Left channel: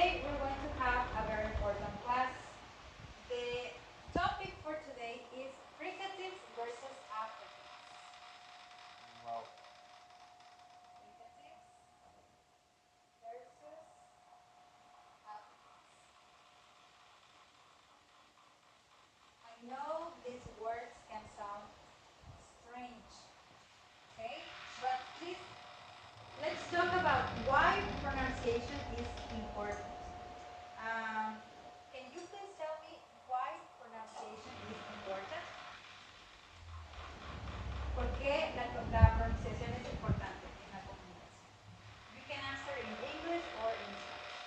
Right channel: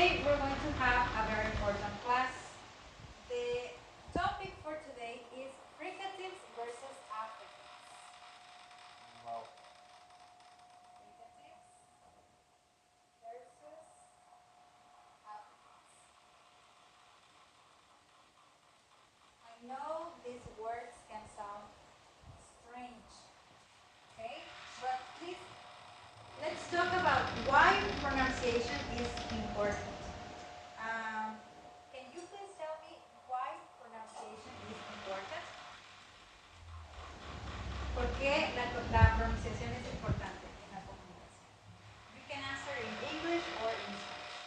today we're going to have a very important class. The topic for today is Fricatives versus Affricates. Wow. Fricatives versus Affricates. I know these words can sound strange, okay? But please, let's talk about why pronunciation is important. Can you please tell me why pronunciation is important? ¿Por qué la pronunciación es importante en la comunicación? You can answer in English or in Spanish.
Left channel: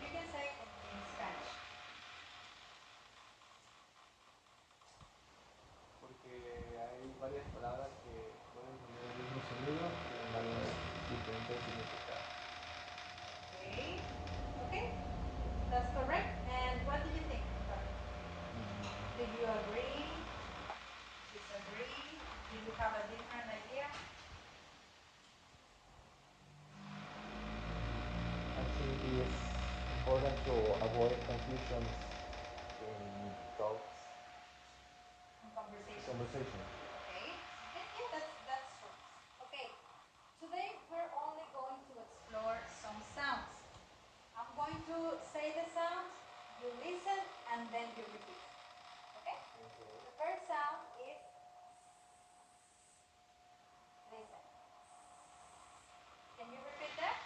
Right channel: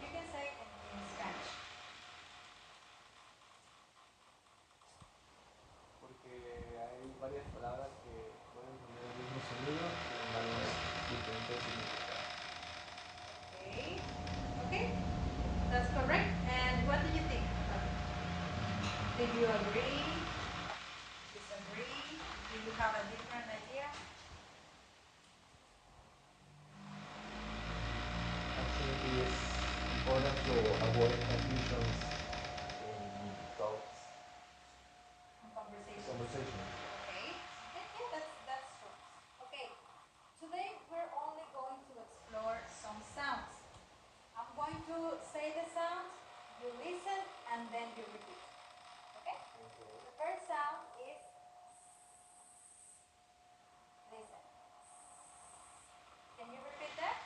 You can say in Spanish. Porque hay varias palabras que pueden tener el mismo sonido con varios diferentes significados. Okay. Okay. That's correct. And what do you think about it? Do you agree? Disagree? Do you have a different idea? Actually, it's important to avoid confusions in talks, Conversation. conversations. Okay. Yeah, that's true. Okay. Today we're only going to explore some sounds. I'm going to say the sound, you listen, and then you repeat. Okay? The first sound is listen. Can you repeat that?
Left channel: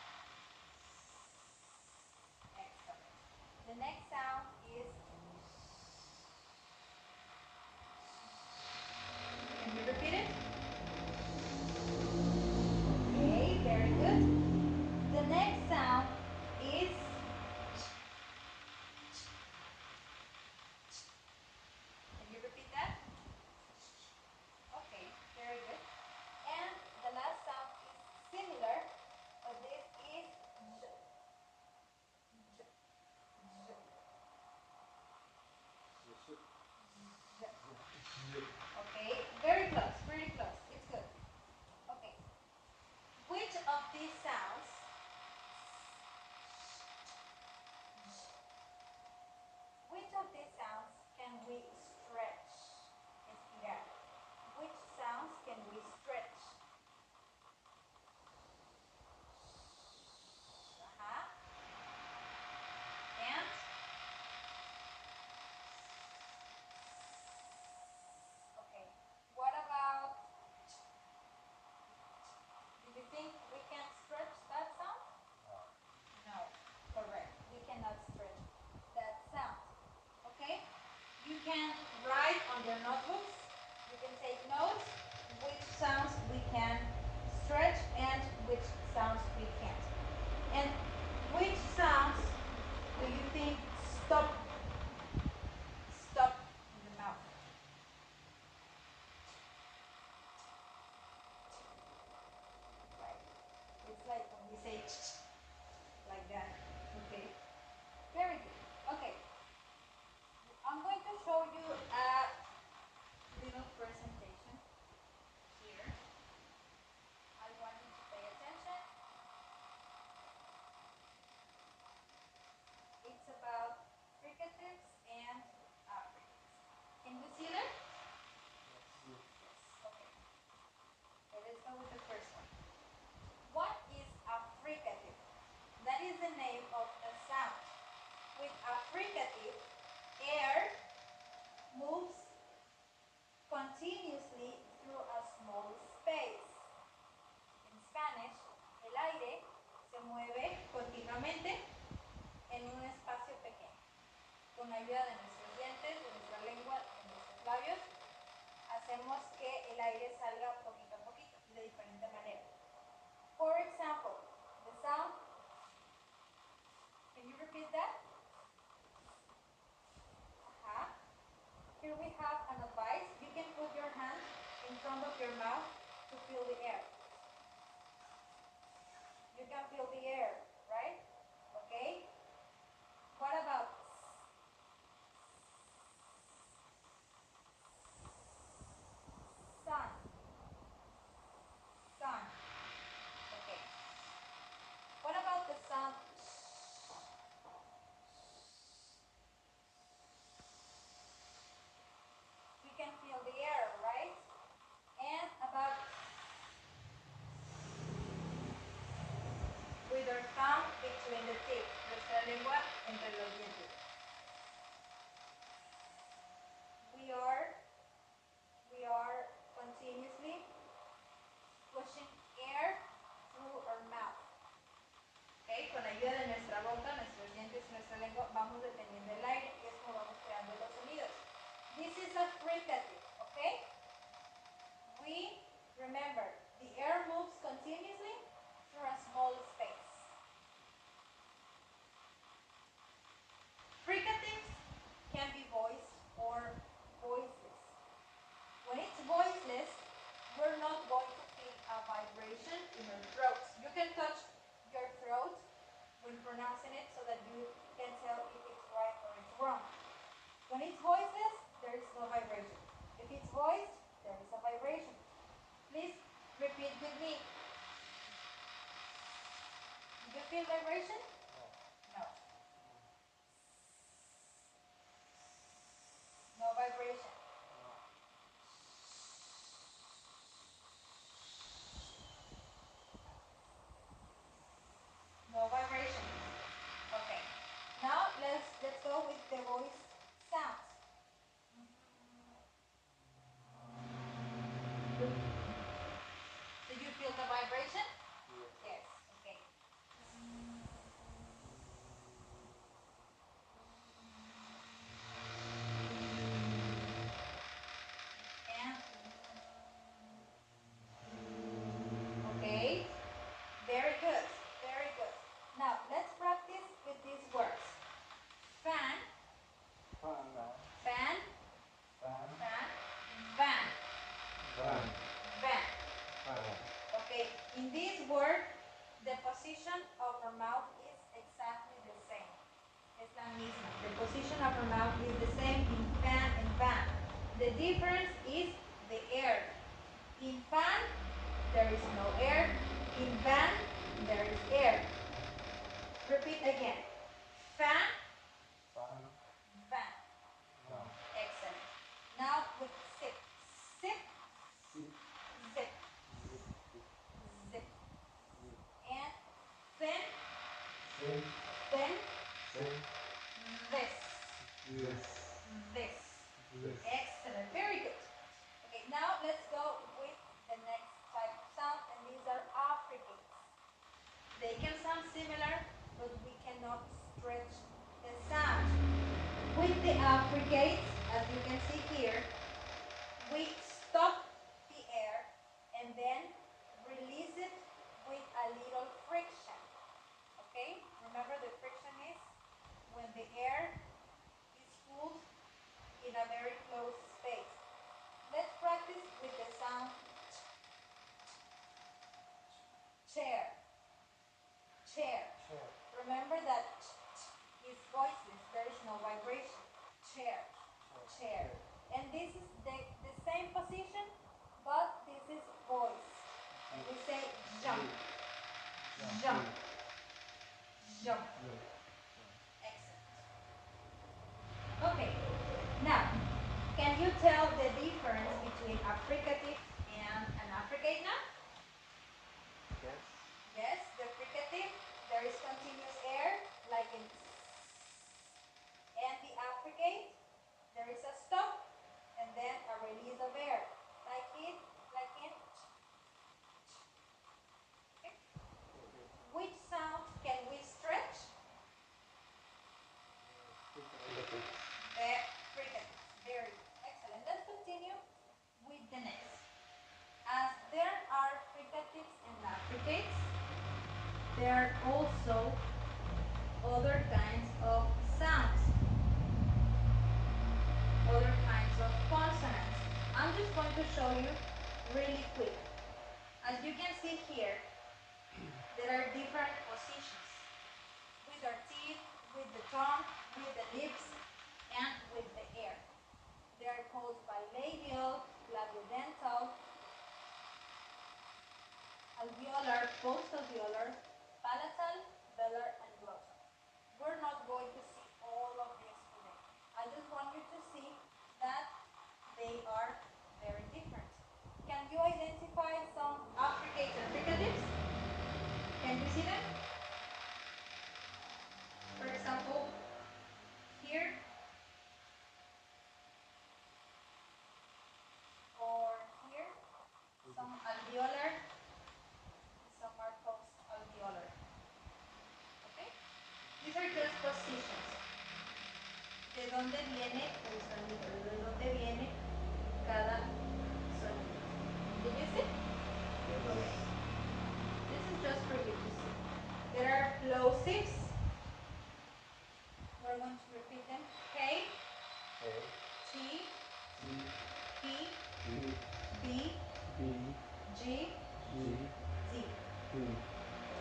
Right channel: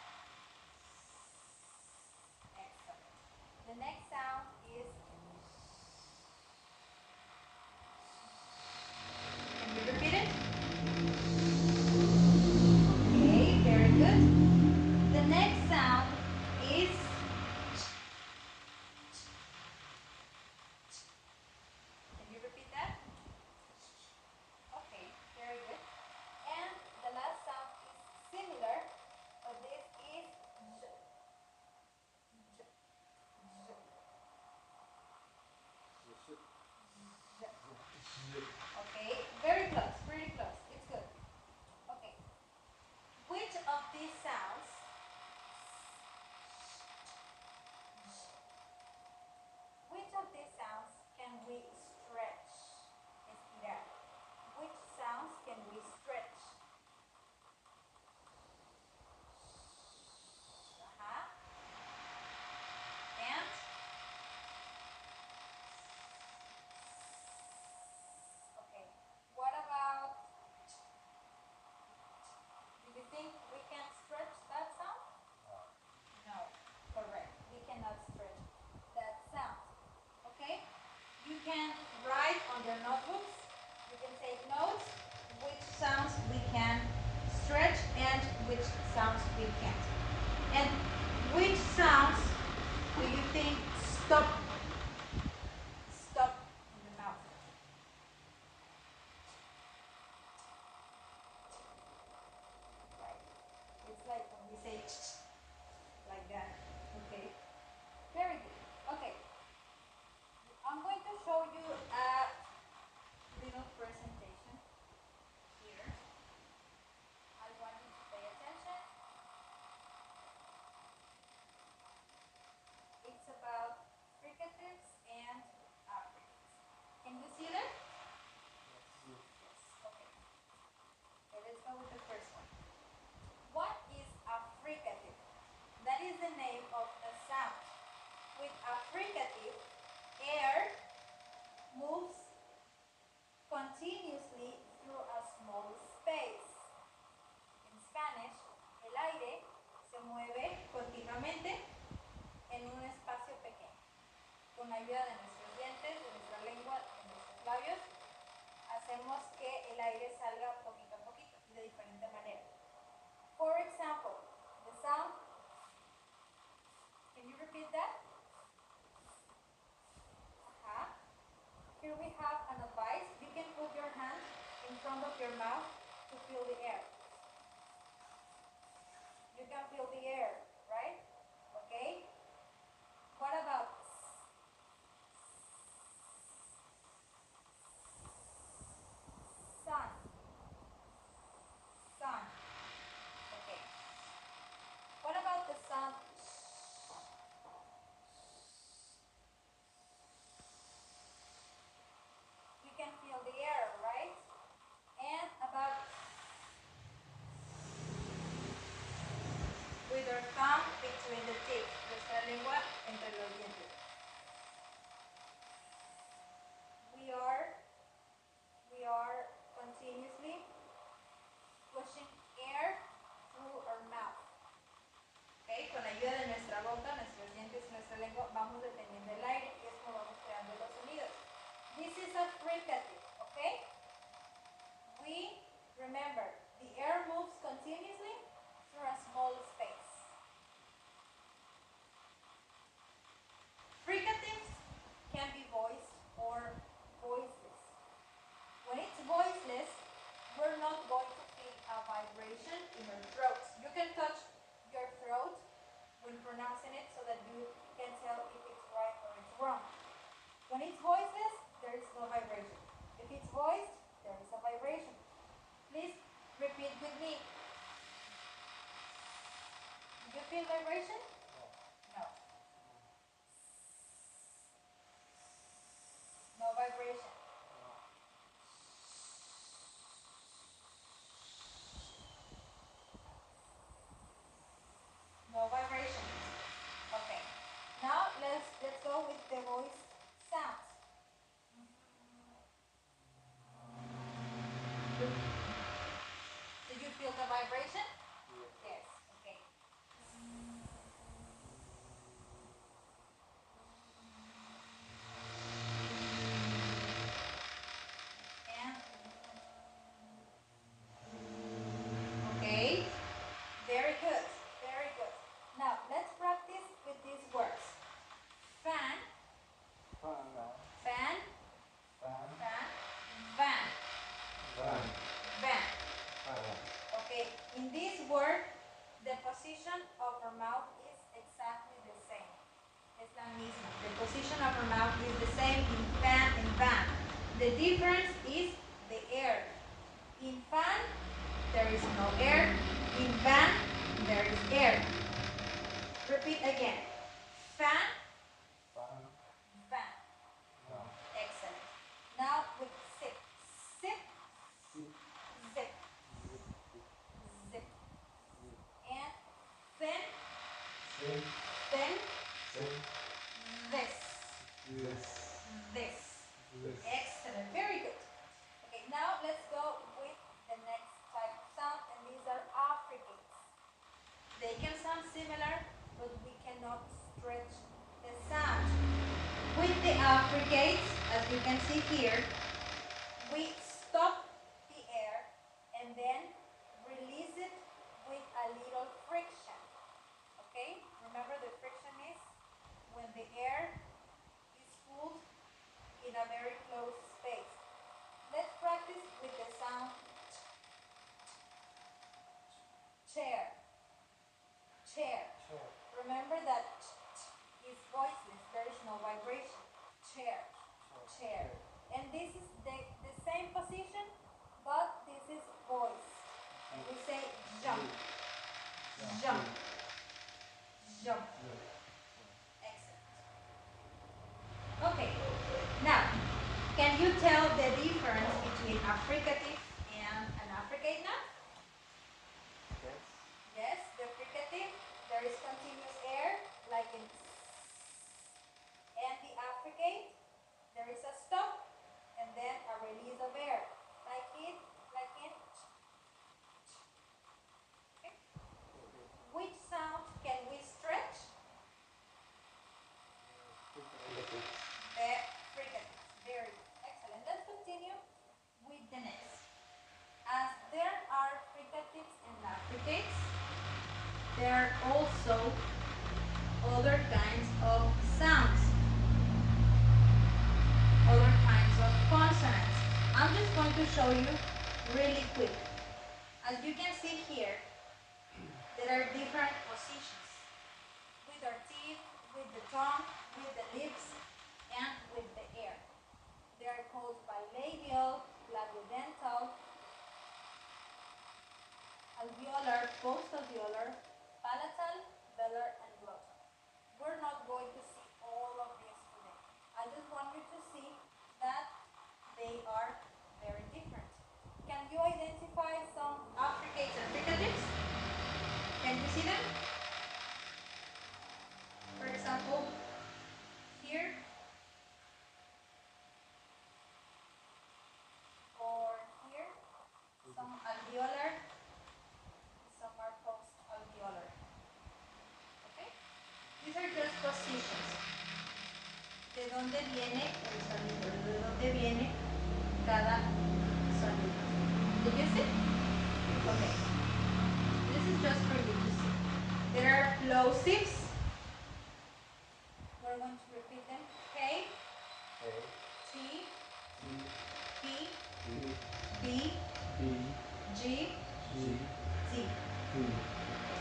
Excellent. The next sound is can you repeat it? Okay, very good. The next sound is can you repeat that? Okay, very good. And the last sound is similar, but this is z. Okay, very close, really close. It's good. Okay. Which of these sounds can we stretch? Estirar. Which sounds can we stretch? And okay. What about do you think we can stretch that sound? No. Correct. We cannot stretch that sound. Okay? You can write on your notebooks. You can take notes which sounds we can stretch and which sounds we can't. And which sounds do you think stop in the mouth? Right. It's like when we say like that. Okay. Very good. Okay. I'm going to show you a little presentation here. I want you to pay attention. It's about fricatives and affricates. Can you see them? Yes. Okay. So let's go with the first one. What is a fricative? That is the name of a sound. With a fricative, air moves continuously through a small space. En Spanish, el aire se mueve continuamente en un espacio pequeño. Con la ayuda de nuestros dientes, de nuestra lengua, de nuestros labios, hacemos que el aire salga poquito a poquito, de diferente manera. For example, the sound, can you repeat that? Here we have an advice. You can put your hand in front of your mouth to feel the air. You can feel the air, right? Okay? What about sun? lengua entre los dientes. We are continuously pushing air through our mouth. Okay, con ayuda de nuestra boca, nuestros dientes y nuestra lengua vamos deteniendo el aire y es como vamos creando los sonidos. This is a fricative, okay? We remember the air moves continuously through a small space. Fricatives can be voiced or voiceless. When it's voiceless, we're not going to feel a vibration in your throat. You can touch your throat when pronouncing it so that you can tell if it's right or it's wrong. When it's voiceless, there is no vibration. If it's voiced, there is a vibration. Please repeat with me. Do you feel vibration? No. No vibration. No vibration. Okay. Now let's go with the voice sounds. Do you feel the vibration? Yes. Okay. Okay. Very good. Very good. Now let's practice with these words. Fan. Fan. Fan. Van. Van. Okay. In this word, the position of our mouth is exactly the same. Es la misma. The position of our mouth is the same in fan and van. The difference is the air. In fan, there is no air. In van, there is air. Repeat again. Fan, van. Excellent. Now with sip. Sip, zip. Zip. And then, this. Excellent. Very good. Okay, now let's go with the next type of sound, and these are affricates. They can sound similar, but we cannot stretch the sound. With the affricates, as you can see here, we stop the air and then release it with a little friction. Okay? Remember, the friction is when the air is pulled in a very close space. Let's practice with the sound chair. Chair. Remember that is voiceless. There is no vibration. Chair. Chair. And this is the same position, but this is voice. And we say jump. Jump. Jump. Excellent. Okay. Now, can you tell the difference between a fricative and an affricate now? Yes, the fricative, there is continuous air, like in, and the affricate, there is a stop, and then a release of air, like in. Okay. Which sound can we stretch? The fricative. Very good. Excellent. Let's continue with the next. As there are fricatives and affricates, there are also other kinds of sounds, other kinds of consonants. I'm just going to show you really quick. As you can see here, there are different positions with our teeth, with the tongue, with the lips, and with the air. They are called bilabial, labiodental, alveolar, post-alveolar, palatal, velar, and glottal. We're not going to see all of these today. I just want you to see that they are very different. Can you identify some affricates and fricatives? Can you see them? For example, positions. ¿De dónde viene el sonido? ¿De dónde viene cada sonido? Did you see? Okay. This is just for you to see. There are plosives. We're going to repeat them. K, T, P, B, G, T.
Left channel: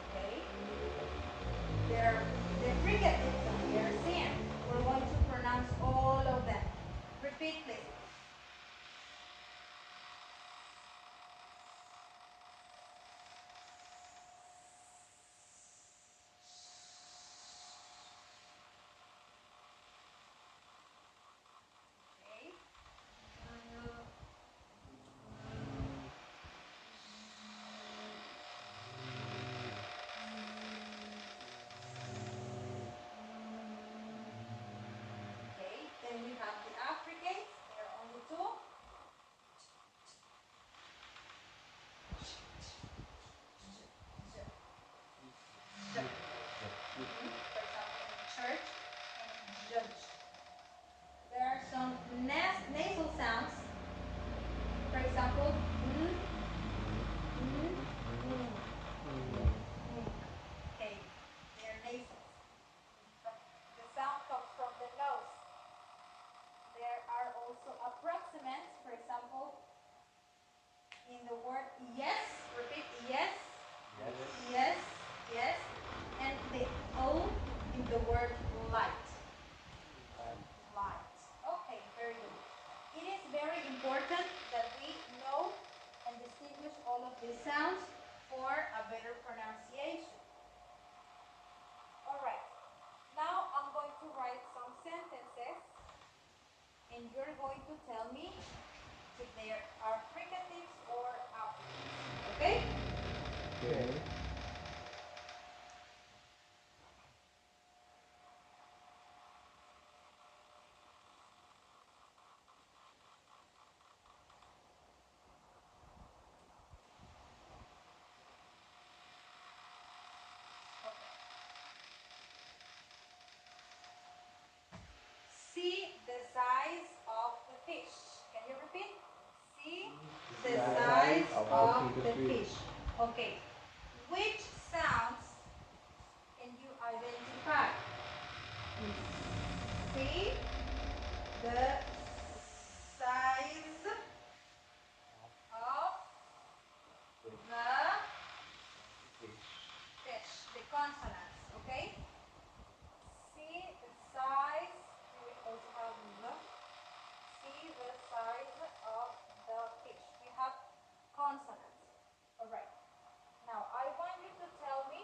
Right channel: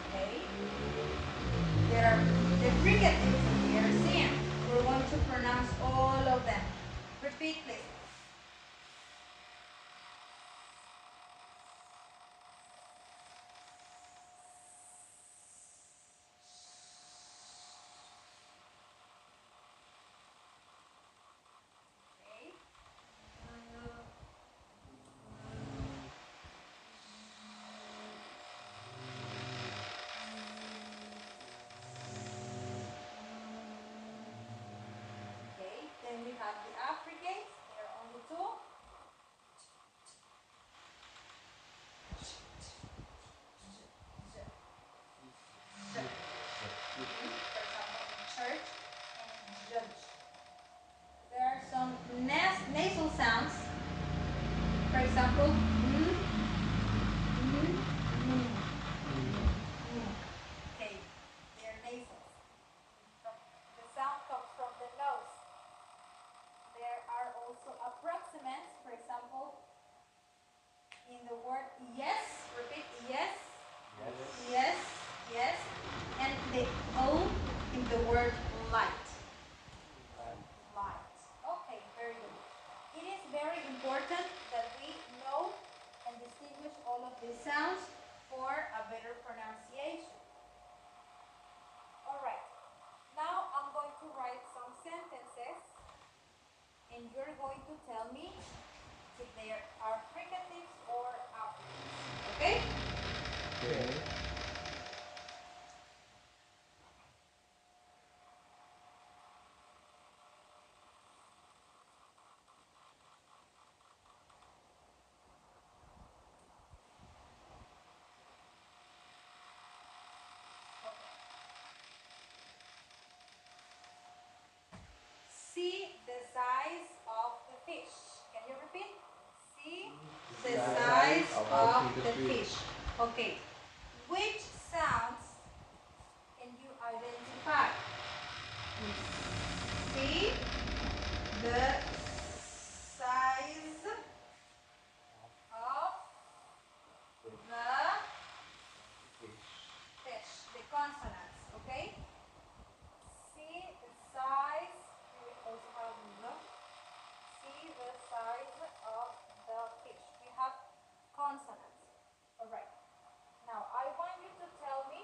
Okay. There are the fricatives that we are seeing. We're going to pronounce all of them. Repeat, please. Then we have the Affricates. There are only two. For example, in church and judge. There are some nasal sounds. For example, okay, they are nasal. The sound comes from the nose. There are also approximants. For example, in the word yes, repeat yes, yes, yes, and the O in the word light. Light. Okay, very good. It is very important that we know and distinguish all of these sounds for a better pronunciation. Alright, now I'm going to write some sentences and you're going to tell me if they are fricatives or affricates. Okay? Okay. See the size of the fish. Can you repeat? See the size of the fish. Okay. Which sounds can you identify? See the size of the fish. The consonants. Okay. See the size. We also have the. See the size of the fish. We have consonants. Alright. Now I want you to tell me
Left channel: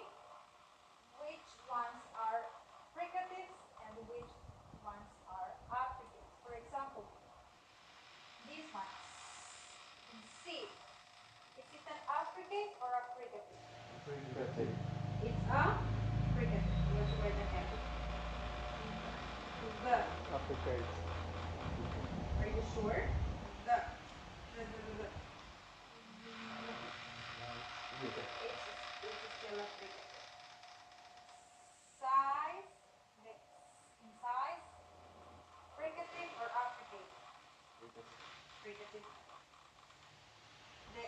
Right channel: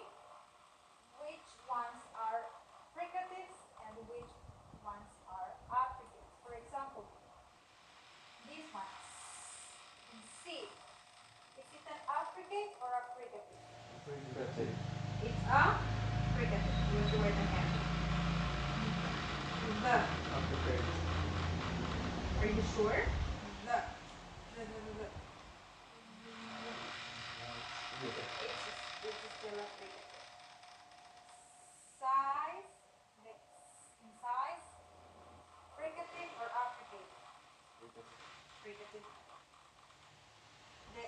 which ones are fricatives and which ones are affricates. For example, this one. C. Is it an affricate or a fricative? Fricative. It's a fricative. You do it again. The. Are you sure? The. It's still a fricative. Size. In size. Fricative or affricate? Fricative. The.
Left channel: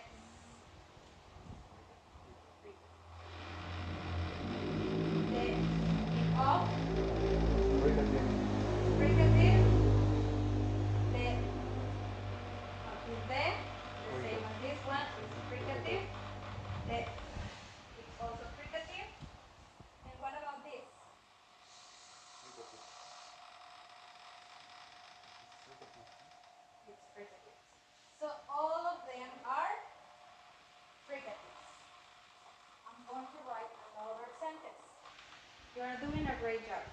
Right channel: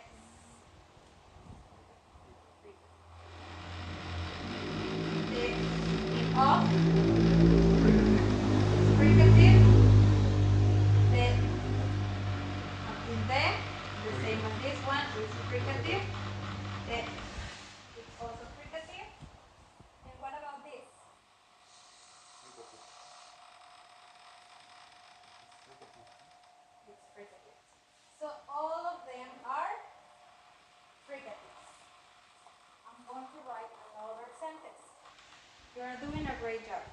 The of. Fricative. The same as this one, it's fricative. It's also fricative. And what about this? It's fricative. So all of them are fricatives. I'm going to write another sentence. You are doing a great job.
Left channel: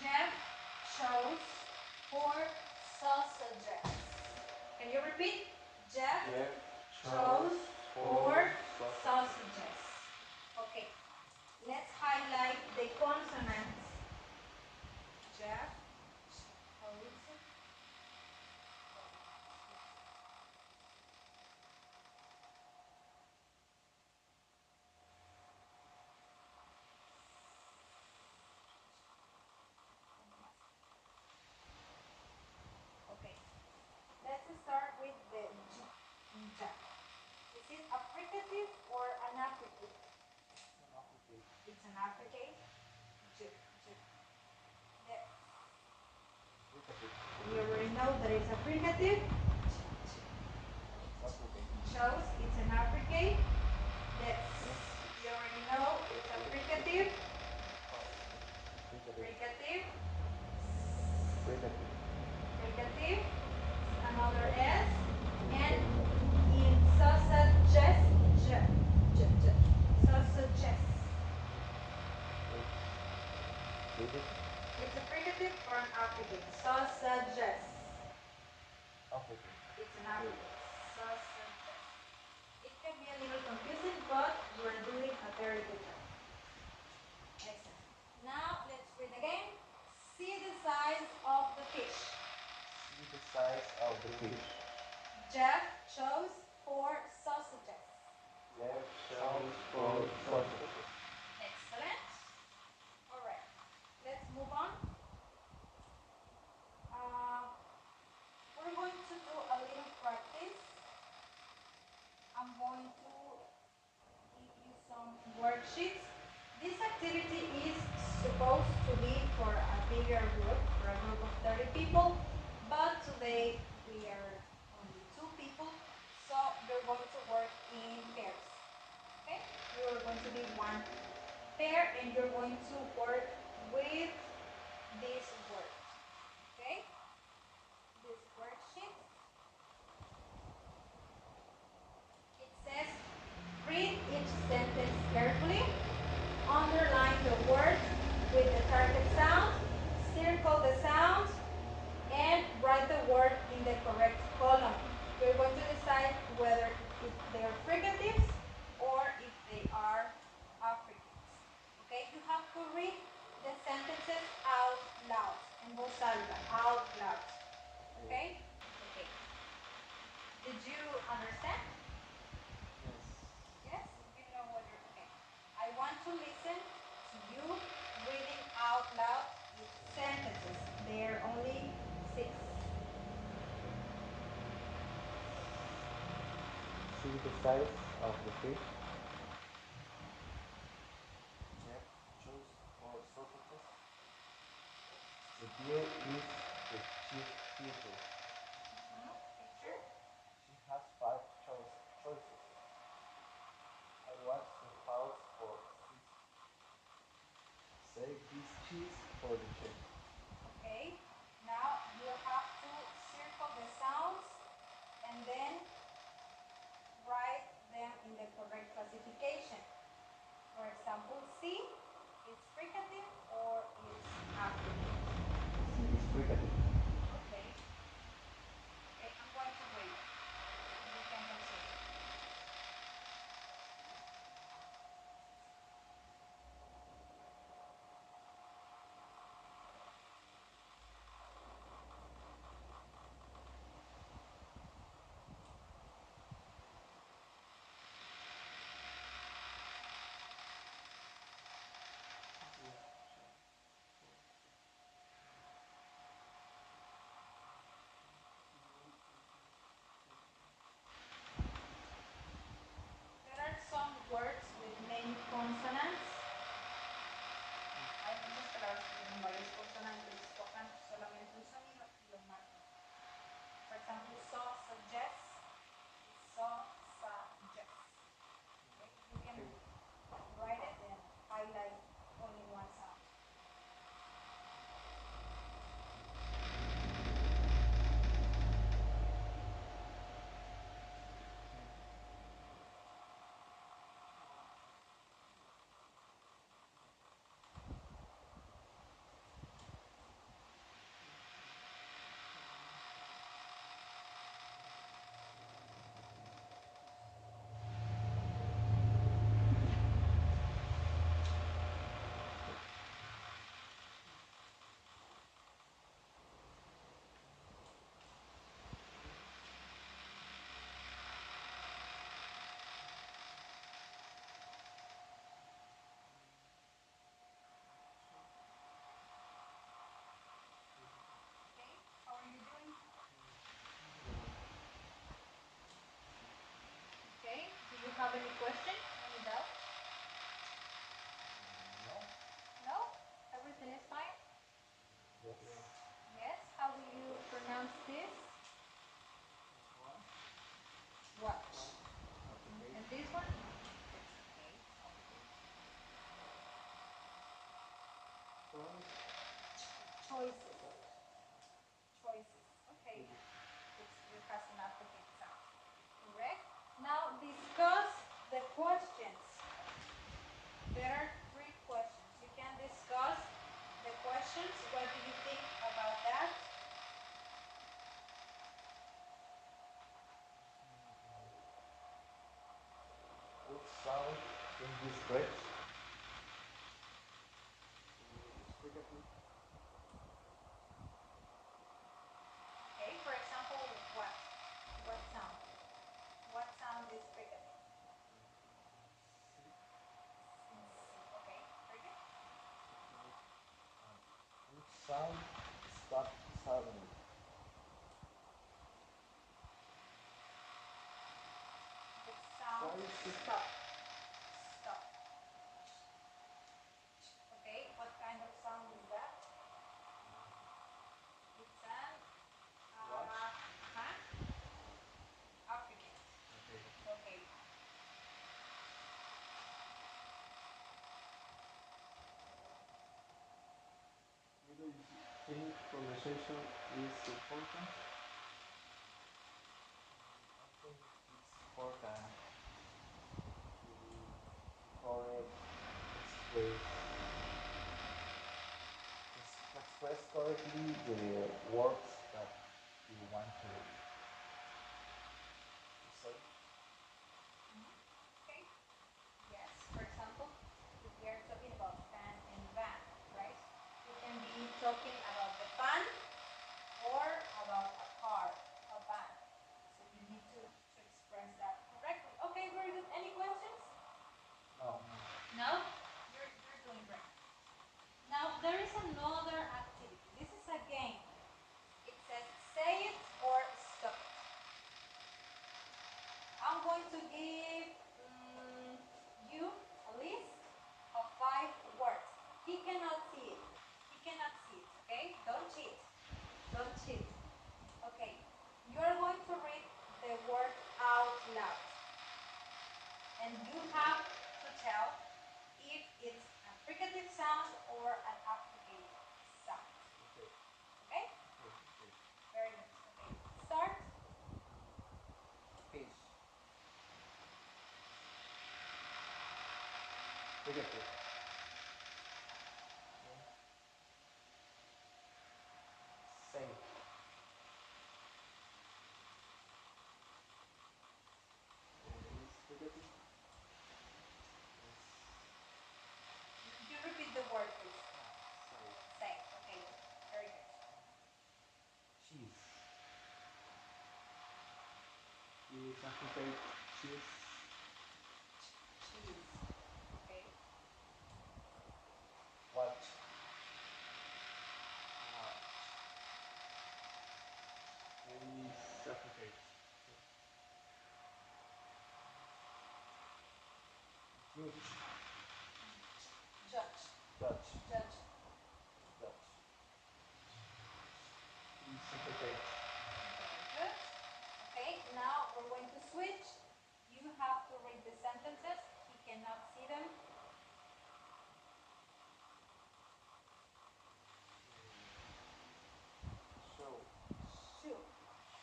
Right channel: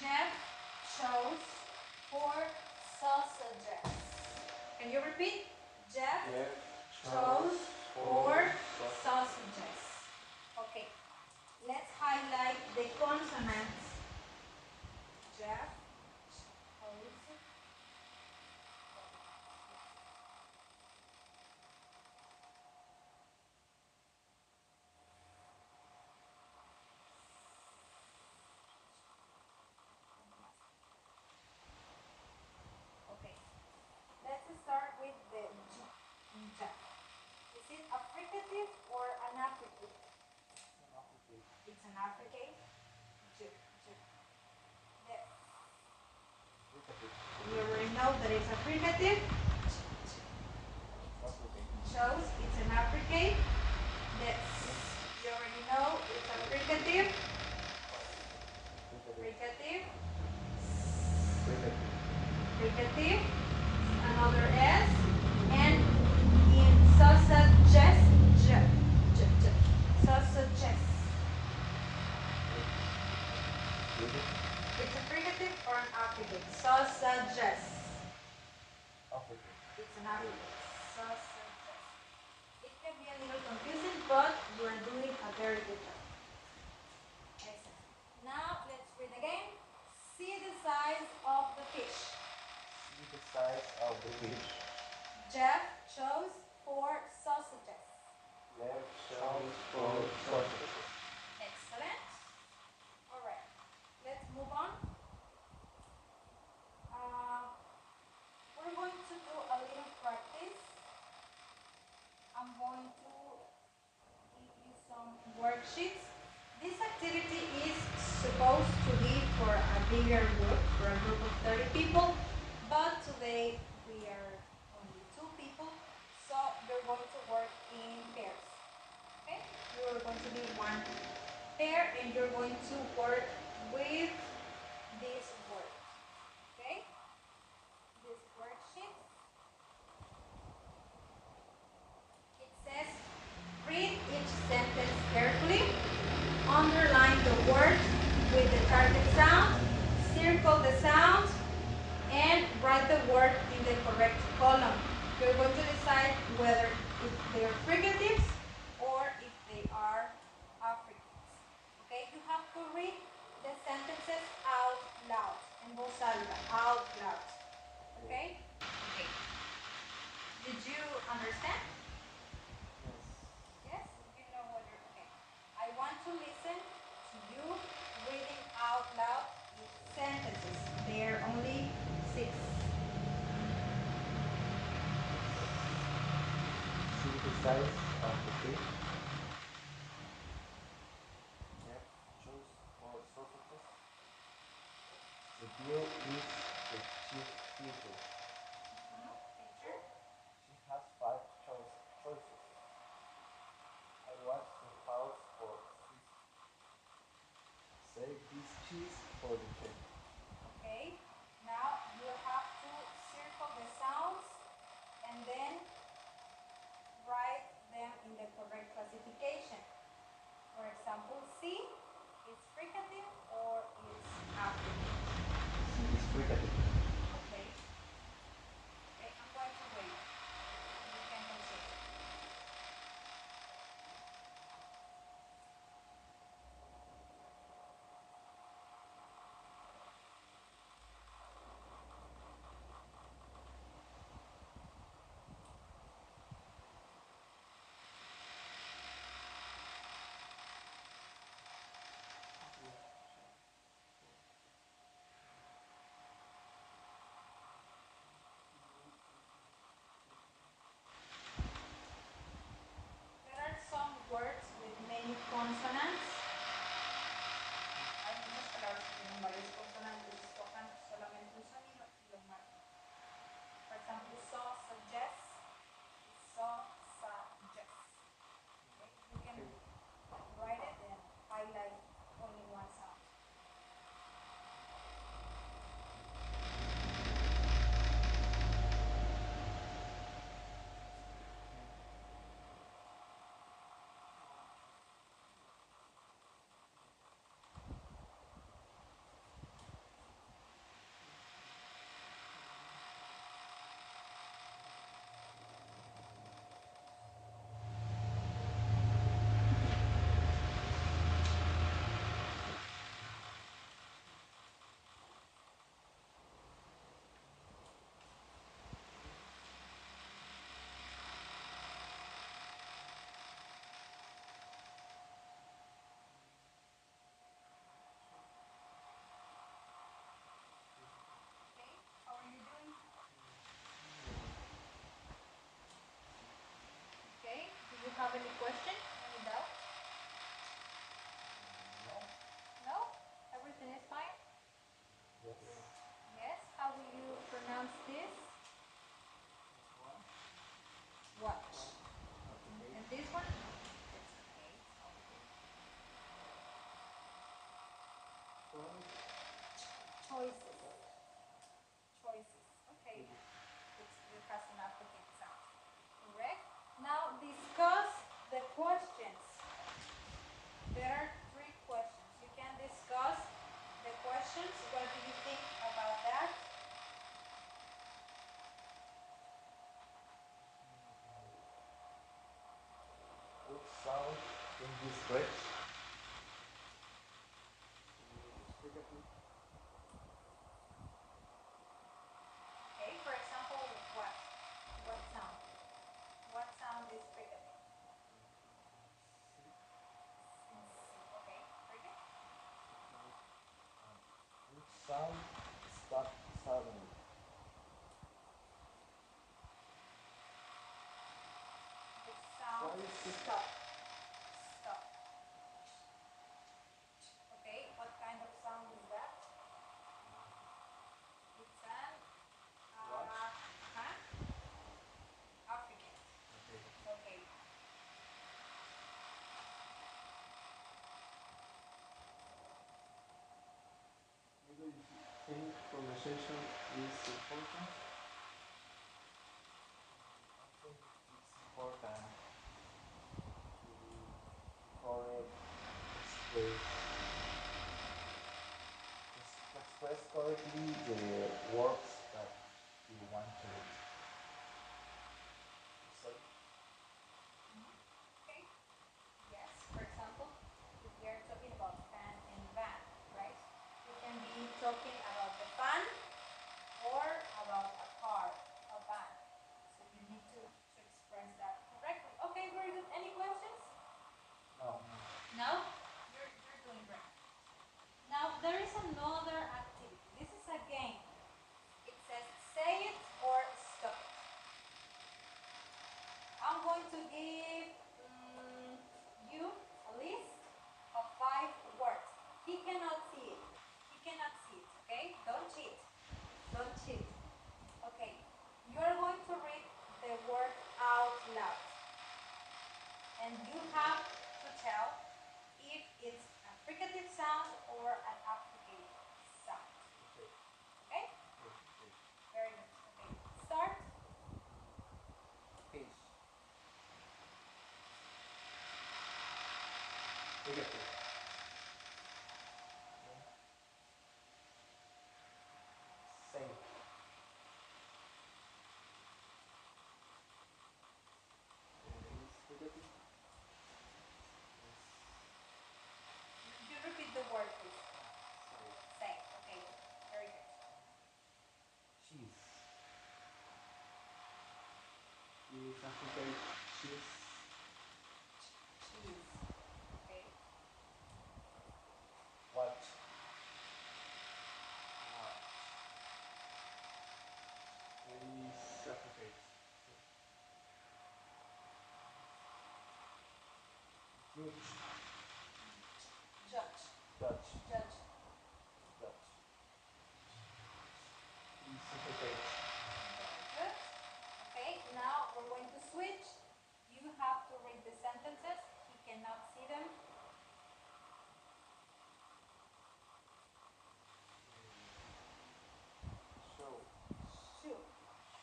Jeff chose 4 sausages. Can you repeat? Jeff chose 4 sausages. Okay, let's highlight the consonants. Jeff, how is it? Okay, let's start with the Jeff. Is it a fricative or an affricate? It's an affricate. Yes. You already know that it's a fricative. Shows it's an affricate. Yes. You already know it's a fricative. Fricative. Another S. And in sausages. Sausages. It's a fricative or an affricate? Sausages. It's an affricate. Sausages. It can be a little confusing, but you are doing a very good job. Excellent. Now let's read again. See the size of the fish. See the size of the fish. Jeff chose 4 sausages. Jeff chose 4 sausages. Excellent. All right. Let's move on. We're going to do a little practice. I'm going to give you some worksheets. This activity is supposed to be for a bigger group, for a group of 30 people, but today we are only 2 people, so you're going to work in pairs. Okay? You're going to be one pair and you're going to work with this word. Okay? This worksheet. It says, read each sentence carefully, underline the words with the target sound, circle the sound, and write the word in the correct column. You're going to decide whether if they are fricatives or if they are affricates. Okay, you have to read the sentences out loud, en voz alta, out loud. Okay? Okay. Did you understand? Yes? You know what you're okay. I want to listen to you reading out loud with sentences. There are only 6. See the size of the fish. Jeff chose 4 sausages. The deer is the chief feature. Picture. She has 5 choices. I watch the house for cheese. Save this cheese for the chef. Okay. Now you have to circle the sounds and then write them in the correct classification. For example, C is fricative or is affricative. See this fricative. Okay. Okay, I'm going to wait. You can continue. there are 3 questions. You can discuss the questions. What do you think about that? What sound in this bridge? Okay, for example, what? What sound? What sound is fricative? Okay, very good. Which sound stopped suddenly? The sound What is it? stop. Stop. Okay, what kind of sound is that? It's an Affricate. Okay. Do you think conversation is important? I think it's important to express correctly the words that you want to say. Okay. Yes, for example, if we are talking about fan and van, right? We can be talking about the fan or about a car, a van. So you need to express that correctly. Okay, very good. Any questions? No. No? You're doing great. Now, there is another activity. This is a game. It says say it or stop it. I'm going to give you a list of 5 words. He cannot see it. He cannot see it, okay? Don't cheat. Don't cheat. Okay. You are going to read the word out loud. And you have to tell if it's a fricative sound or an affricative sound. Okay. Okay? Okay. Very good. Okay. Start. Fish. Negative. Safe. Is negative. You repeat the word, please. Safe. Say. Okay. Very good. Cheese. Is African cheese. Cheese. Okay. What? Is African. Huge. Judge. Dutch. Judge. Dutch. Is African. Very good. Okay, now we're going to switch. You have to read the sentences. He cannot see them. Show. Shoe.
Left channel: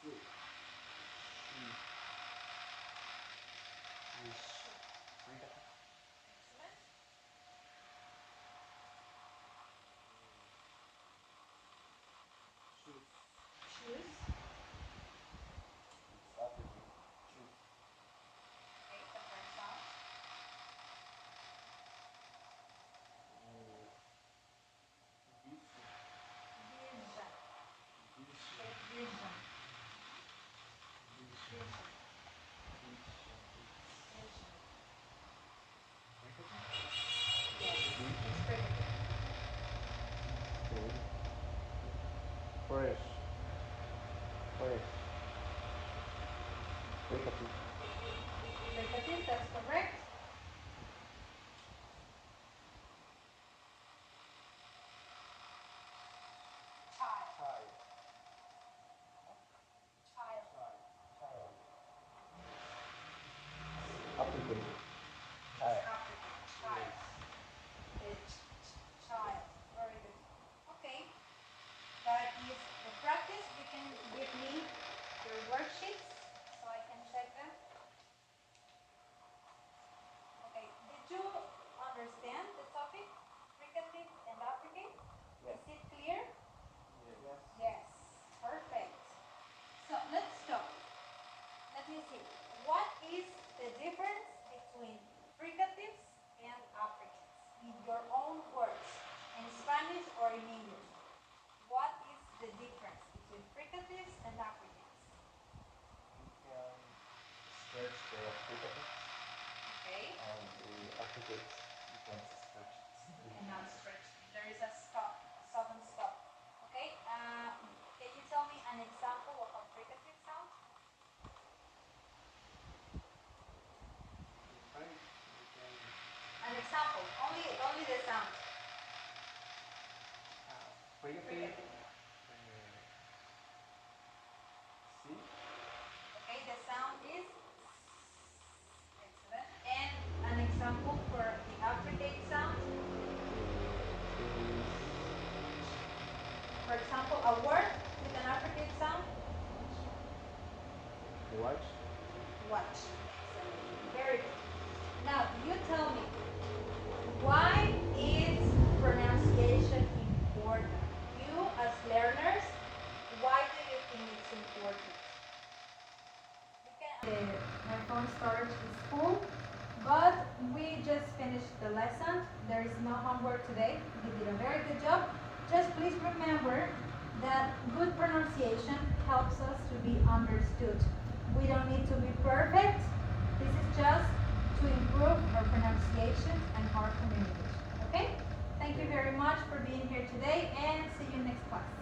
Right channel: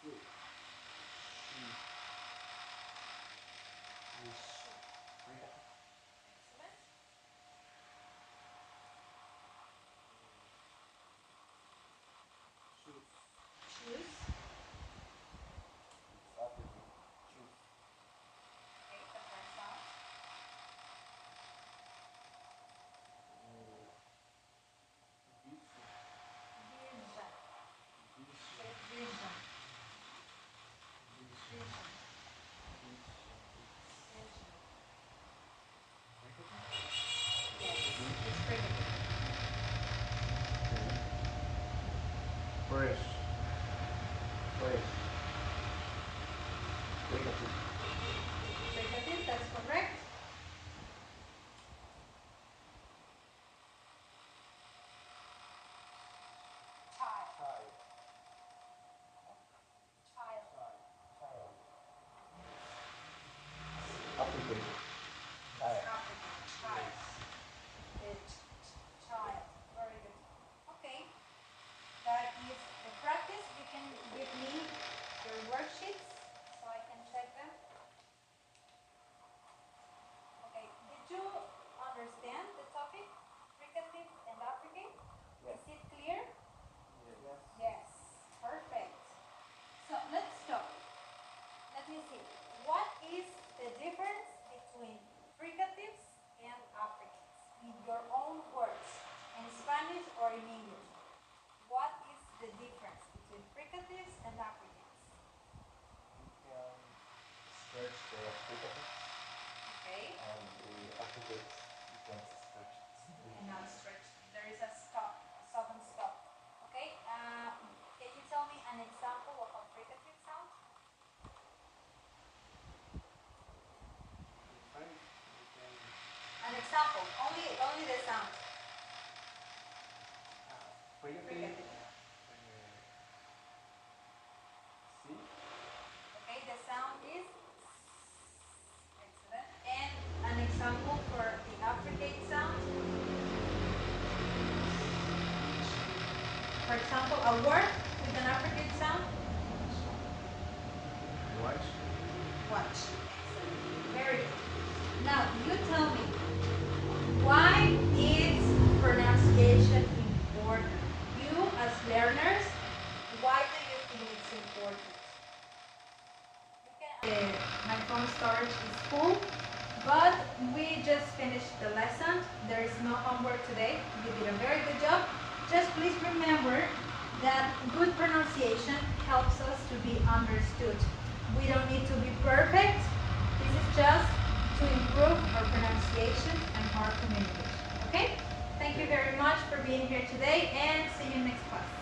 Shoe. the Fricatives, Okay. and the Affricates, you can stretch it. You cannot stretch. There is a stop, a sudden stop. Okay. Can you tell me an example of a fricative sound? Fine, you can An example. Only the sound. fricative, Fricative. C, Okay. The sound is excellent. And an example for the affricate sound. For example, a word with an affricate sound. watch, Watch. Excellent. Very good. Now, you tell me, why is pronunciation important? You, as learners, why do you think it's important? My phone storage is full, but we just finished the lesson. There is no homework today. You did a very good job. Just please remember that good pronunciation helps us to be understood. We don't need to be perfect. This is just to improve our pronunciation and our communication. Okay? Thank you very much for being here today, and see you next class.